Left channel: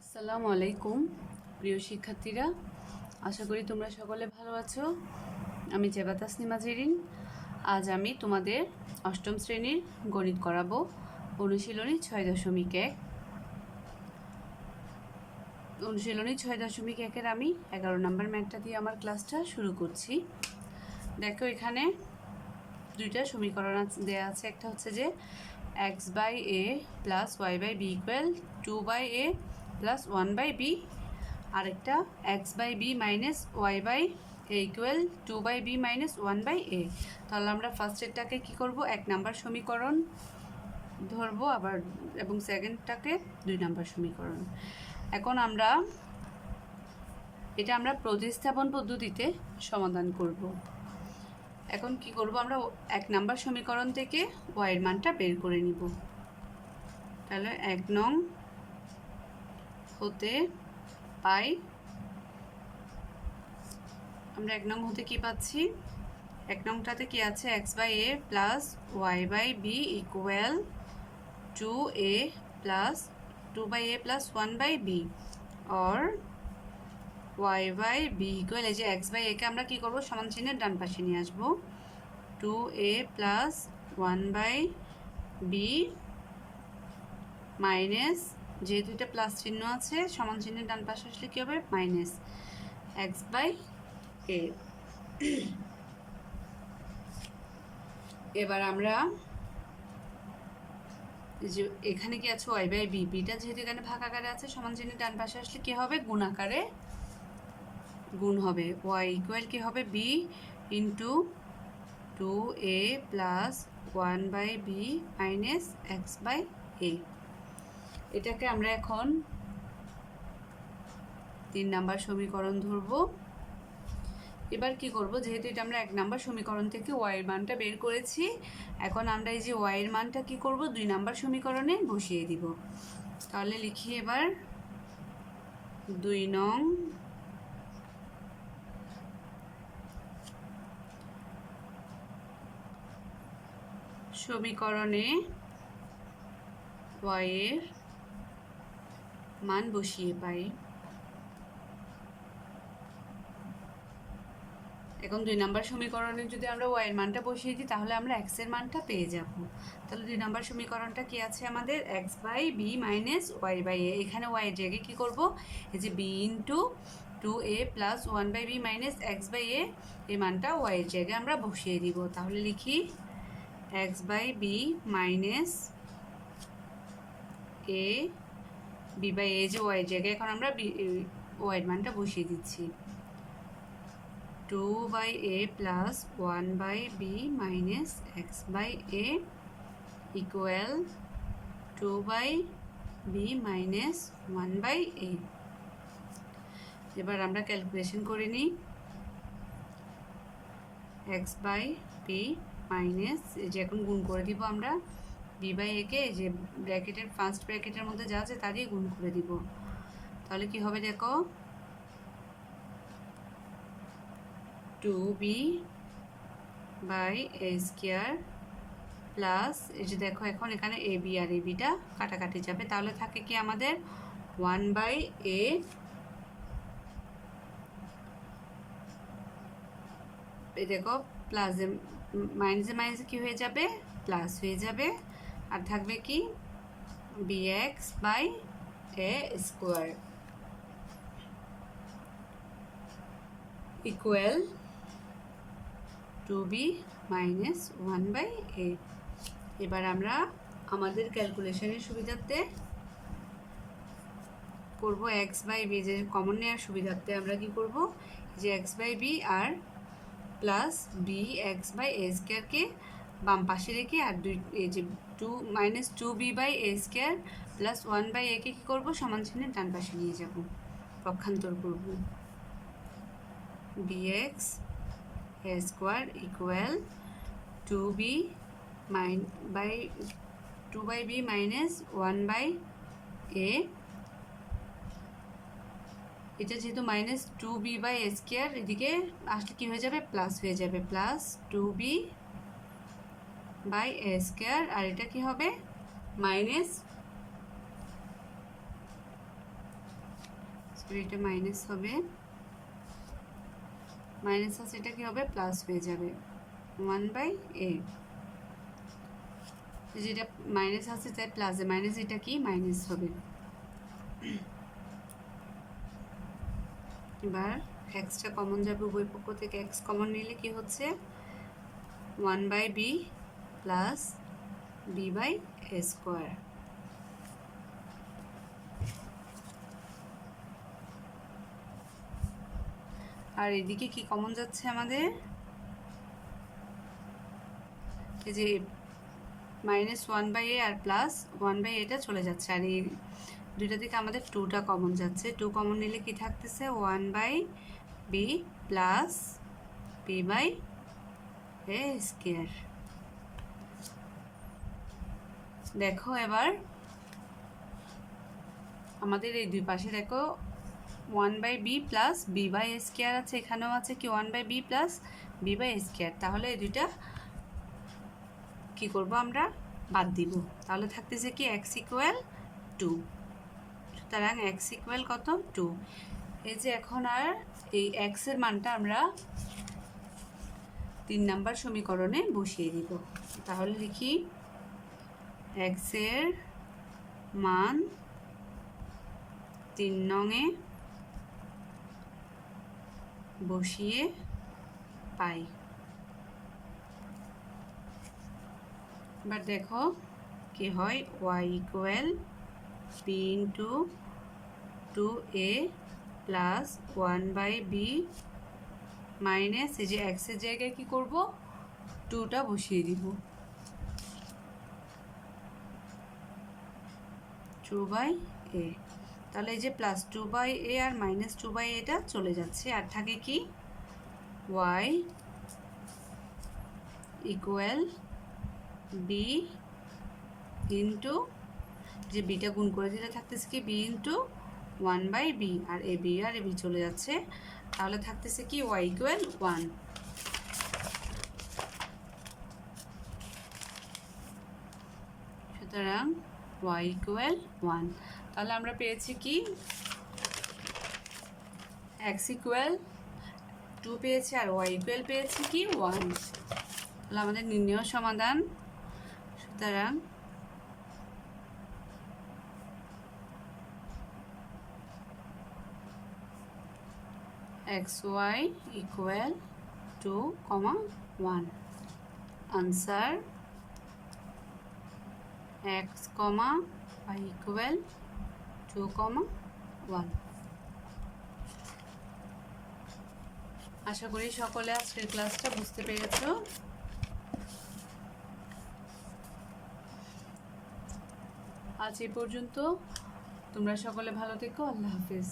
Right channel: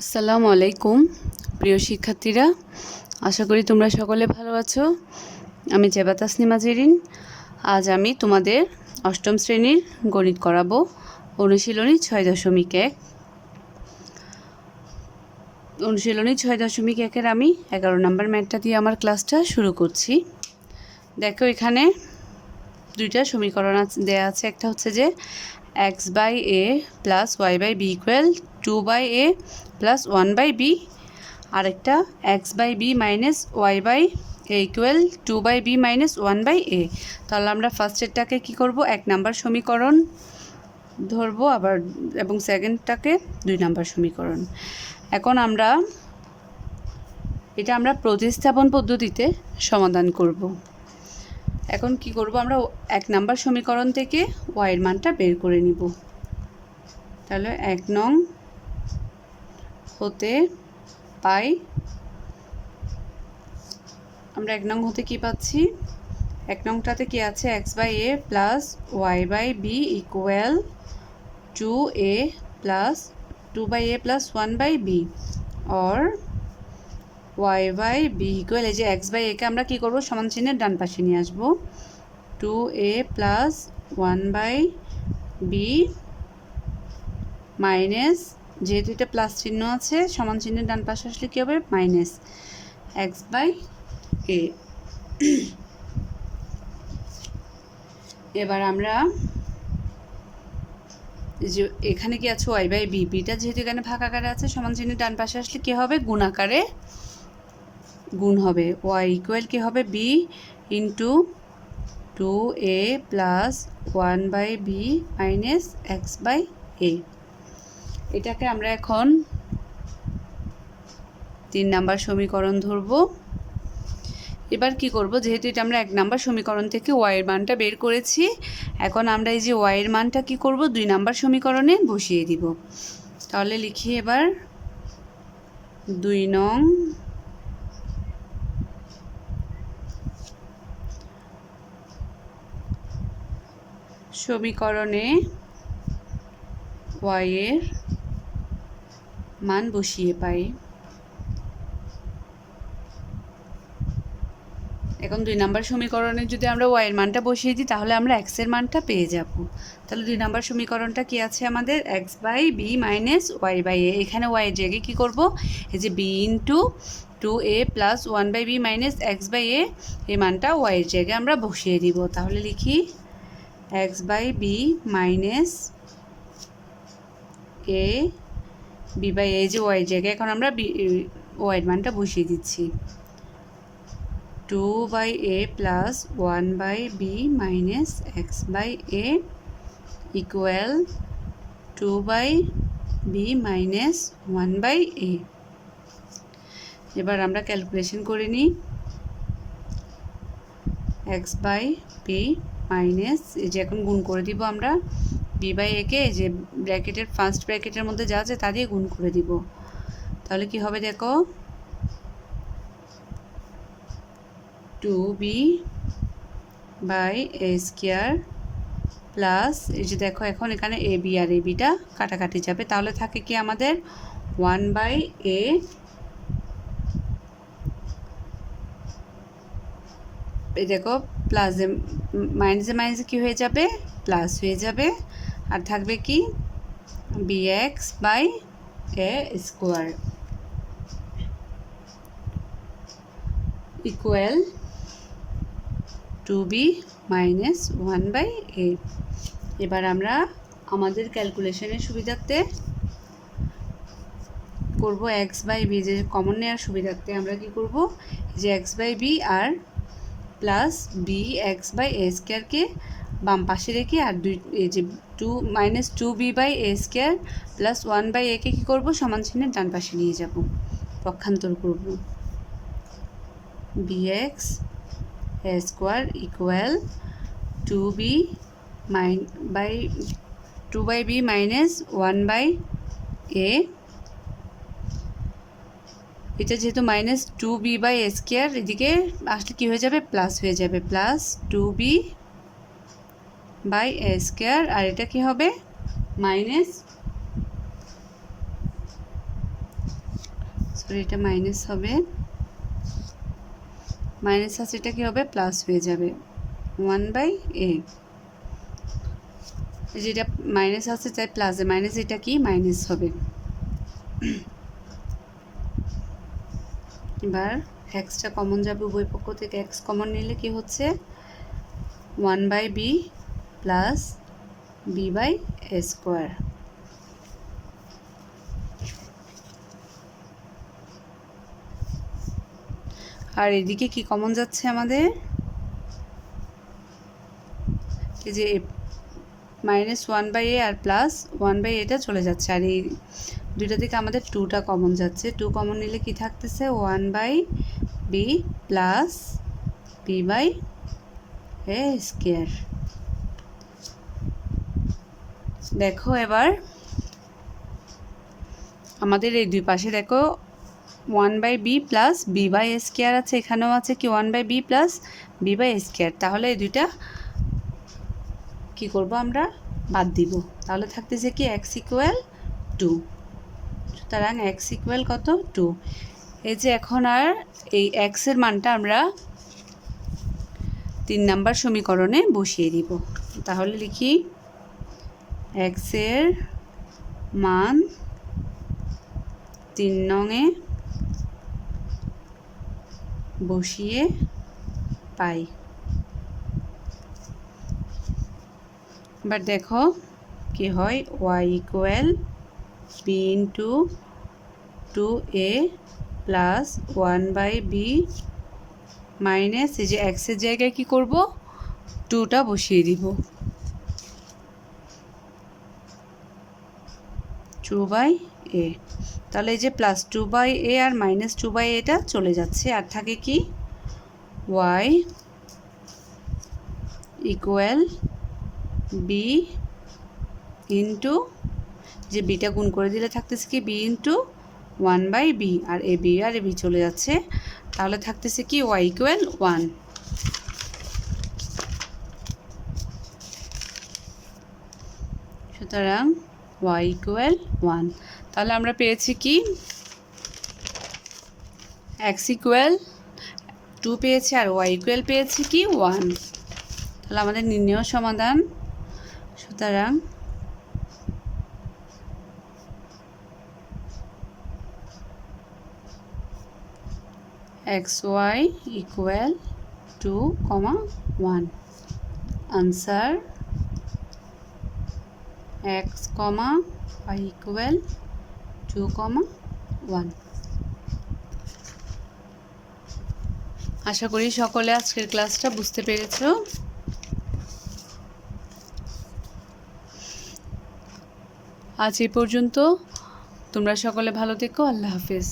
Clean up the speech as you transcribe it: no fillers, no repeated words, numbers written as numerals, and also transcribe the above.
আসসালামু আলাইকুম প্রিয় শিক্ষার্থীরা, আশা করি তোমরা সকলে ভালো আছো। আমি জেবা তাসনিমা জেরিন। আজ আমি তোমাদের অষ্টম শ্রেণীর গণিত করাবো। অনুশীলনী 6.1। অনুশীলনী 6.1-এর আমি 11 নম্বর ম্যাথটা দিয়ে আমার ক্লাসটা শুরু করছি। দেখো, এখানে দুইটা সমীকরণ দেয়া আছে। একটা হচ্ছে যে x/a plus y/b equal 2/a plus 1/b, আরেকটা x/b minus y/a equal 2/b minus 1/a। তাহলে আমরা ফার্স্টেরটাকে কী করব, 1 নাম্বার সমীকরণ ধরবো আবার, এবং সেকেন্ডটাকে 2 নাম্বার সমীকরণ। এখন আমরা প্রতিস্থাপন পদ্ধতিতে সমাধান করব। এখন কি করব, আমরা 1 নাম্বার সমীকরণ থেকে y এর মানটা বের করে নিব। তাহলে 1 নং হতে পাই, আমরা 1 নং হতে কি পাচ্ছি, 1 নংটাতে কি আছে, x/a plus y/b equal 2a plus 2/a plus 1/b, or y/b equal, এই যে x/a কে আমরা কি করব, সমান চিহ্নের ডান পাশে নিয়ে আসব, 2a প্লাস 1/b মাইনাস, যেহেতু এটা প্লাস চিহ্ন আছে, সমান চিহ্নের ডান পাশে আসলে কী হবে, মাইনাস x/a। এবার আমরা যে এখানে কি আছে y/b, বিটা যেহেতু এখানে ভাগ আকারে আছে, সমান চিহ্নের ডান পাশে আসলে কি হবে, গুণ আকারে গুণ হবে, y ইকুয়াল কি হবে, b into 2a plus 1/b minus x/a। এটাকে আমরা এখন 3 নাম্বার সমীকরণ ধরব। এবার কি করব, যেহেতু এটা আমরা 1 নাম্বার সমীকরণ থেকে y এর মানটা বের করেছি, এখন আমরা এই যে y এর মানটা কি করব, 2 নাম্বার সমীকরণে বসিয়ে দিব। তাহলে লিখি এবার 2 নং সমীকরণে y এর মান বসিয়ে পাই। এখন 2 নাম্বার সমীকরণে যদি আমরা y এর মানটা বসিয়ে দিই, তাহলে আমরা x এর মানটা পেয়ে যাব। তাহলে 2 নাম্বার সমীকরণটা কি আছে আমাদের, x/b মাইনাস y/a। এখানে y এর জায়গায় কী করব, এই যে b into 2a plus 1/b minus x/a, এই মানটা y এর জায়গায় আমরা বসিয়ে দিব। তাহলে লিখি x/b মাইনাস a b/a, এই যে y এর জায়গায় এখন আমরা y এর মানটা বসিয়ে দিচ্ছি, 2/a plus 1/b minus x/a equal 2/b minus 1/a। এবার আমরা ক্যালকুলেশন করে নিই, x/b মাইনাস, এই যে এখন গুণ করে দিব আমরা b/a কে, এই যে ব্র্যাকেটের ফার্স্ট ব্র্যাকেটের মধ্যে যা আছে তা দিয়ে গুণ করে দিব। তাহলে কি হবে, দেখো 2b/a স্কয়ার প্লাস, এই যে দেখো এখন এখানে ab আর abটা কাটাকাটি যাবে, তাহলে থাকে কি আমাদের 1/a, এই দেখো প্লাস মাইনাসে মাইনাসে কী হয়ে যাবে, প্লাস হয়ে যাবে, আর থাকবে কি bx/a square equal 2b minus 1/a। এবার আমরা আমাদের ক্যালকুলেশনের সুবিধার্থে করব x/b, যে কমন নেওয়ার সুবিধার্থে আমরা কি করব, যে x/b আর প্লাস bx/a স্কোয়ারকে বাম পাশে রেখে, আর এই যে 2-2b/a স্কোয়ার প্লাস 1/a কে কী করবো, সমান চিহ্নের ডান পাশে নিয়ে যাব, পক্ষান্তর করব, bx/a square equal 2/b minus 1/a। এটা যেহেতু মাইনাস 2b/a স্কোয়ার, এদিকে আসলে কী হয়ে যাবে, প্লাস হয়ে যাবে, প্লাস 2b/a স্কোয়ার, আর এটা কি হবে, মাইনাস সরি এটা মাইনাস হবে, মাইনাস আছে এটা কি হবে প্লাস হয়ে যাবে 1/a। যেটা মাইনাস আছে তাই প্লাস, মাইনাস এটা কি মাইনাস হবে। এবার এক্সটা কমন যাবে, উভয় পক্ষ থেকে এক্স কমন নিলে কি হচ্ছে 1/b প্লাস b/a²। আর এদিকে কি কমন যাচ্ছে আমাদের, এই যে -1/a আর প্লাস 1/a এটা চলে যাচ্ছে, আর এই দুইটা থেকে আমাদের 2টা কমন যাচ্ছে। 2 কমন নিলে কি থাকতেছে 1/b প্লাস b/a²। দেখো এবার আমাদের এই দুই পাশে দেখো 1/b প্লাস b/a² আছে, এখানেও আছে কি 1/b প্লাস b/a²। তাহলে এই দুইটা কি করব আমরা বাদ দিব, তাহলে থাকতেছে কি x = 2। সুতরাং x = কত 2। এই যে এখন আর এই x এর মানটা আমরা 3 নাম্বার সমীকরণে বসিয়ে দিব। তাহলে লিখি x এর মান 3 নংয়ে বসিয়ে পাই। এবার দেখো কি হয়, y = b * 2a plus 1/b minus এই যে x এর জায়গায় কি করব 2টা বসিয়ে দিব, 2/a। তাহলে এই যে প্লাস 2/a আর মাইনাস 2/a এটা চলে যাচ্ছে, আর থাকে কি y = b * যে বিটা গুণ করে দিলে থাকতেছে কি b * 1/b, R A B R A B চলে যাচ্ছে, তাহলে থাকতেছে কি y = 1। সুতরাং y = 1। তাহলে আমরা পেয়েছি কি x = 2 পেয়েছি আর y = পেয়েছি কি 1। তাহলে আমাদের নির্ণয় সমাধান, সুতরাং xy = 2, 1। Answer x, y = 2, 1। আশা করি সকলে আজকের ক্লাসটা বুঝতে পেরেছো। আজ এই পর্যন্ত, তোমরা সকলে ভালো থেকো। আল্লাহ হাফেজ।